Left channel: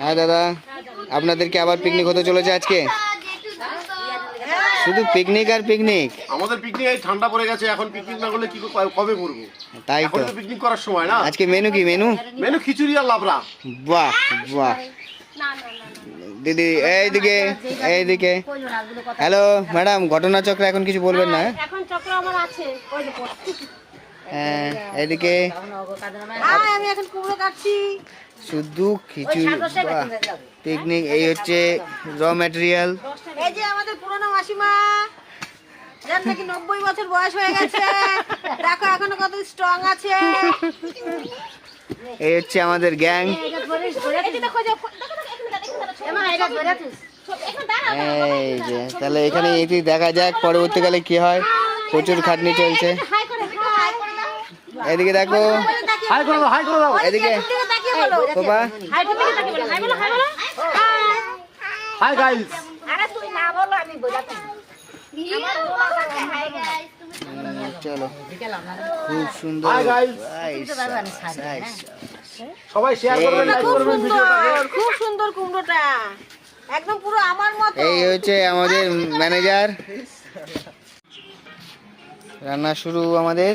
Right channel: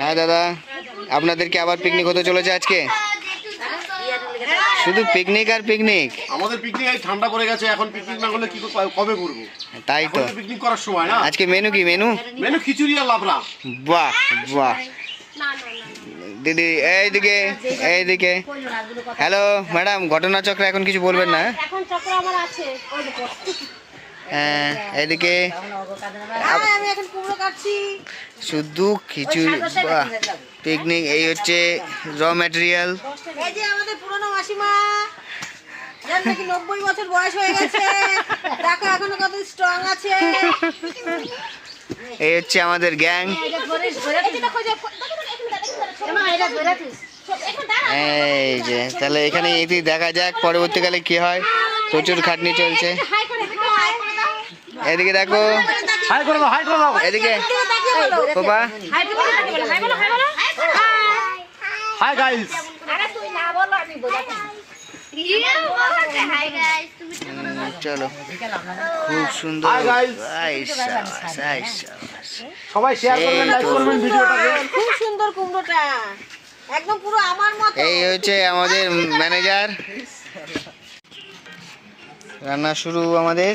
হ্যাঁ দাদা, আপনাদেরকে আবার পিকনিক হতে চলেছে আজকে। শুধু পিকনিক আর পিকনিক। আমাদের পিকনিক এই ঠান্ডা পড়ে গেছে, এখন পিকনিক না করলে কি কবে করবো? তাই তো, পিকনিক করার সময় না। আজকে মেনু কি? মেনু খিচুড়ি আর লাবড়া। বাহ বাহ। দিদি এইদিকে, এইদিকে। হ্যালো ম্যাডাম, ঘটনাচক্র এখন কিছু বলবেন না? এখন চক্র আমার আছে, ওই দেখো। হ্যাঁ এইদিকে আমি এখন কুমড়ো কাটছি। শুধু খিচুড়ি, বাহ পিকনিক। এই হচ্ছে র ম্যাটেরিয়াল। এই যে আমাদের পুরনো মাসিমা, যার নাকি 90 বছর বয়স হয়ে গেছে, দেখো এখনো কত স্ট্রং আছে। এই হচ্ছে আমাদের গ্যাং। এই যে তাহলে এখানে এটি দেখা যাক পরবর্তীকালে কি হয়। প্রচুর খাটনি চলছে। এদিকে দেখো, এদিকে বাবা। Hi guys. চলো, খুব সুন্দর। সবাই শেয়ার করবেন। খুব সুন্দর কুমড়োটা, একদম পুরো আমার মতো। এই হচ্ছে আমাদের ম্যানেজার। রান্না শুরু আমাদের।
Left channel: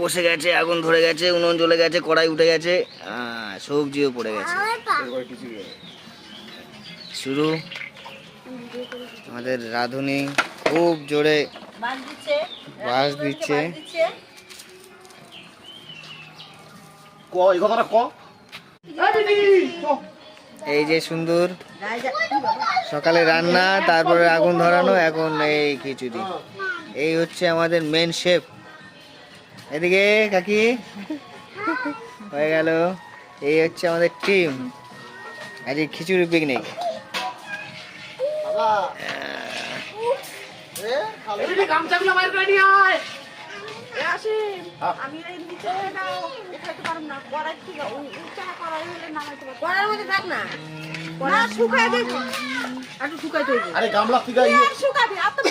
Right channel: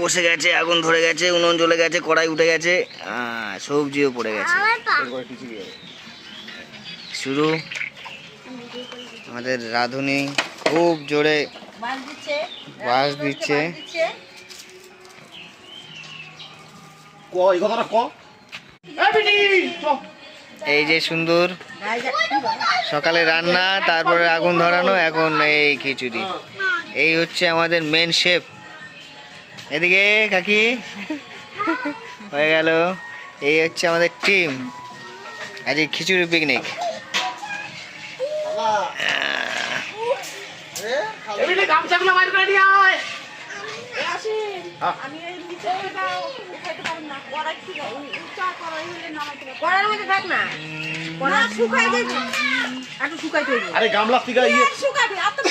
বসে গেছে, আগুন ধরে গেছে, উনুন জ্বলে গেছে, কড়াই উঠে গেছে, সবজিও পড়ে গেছে। শুরু আমাদের রাঁধুনি খুব জোরে বাস দিচ্ছে। এই কথাটা ক। এই যে সুন্দর সকালে রান্না, তারপরে আগুন ধরানো, এখন এই খিচুড়ি। এই হচ্ছে আমাদের মেন শেফ। এদিকে কাকি হয়ে গেল। এই হচ্ছে আমাদের টিম, আজ খিচুড়ি পিকনিক। আমি এই নিচে দাও, উঠাইতে পারব না। কড়াই ঠিক আছে, ওই উঁচা কড়াই হলে নামাইতে পারব। কড়াইয়ের মধ্যে থাক না, কড়াই শুকাই দেব, একটু শুকাই দেব। আরে গামলা থেকে শুকাবি, আর তো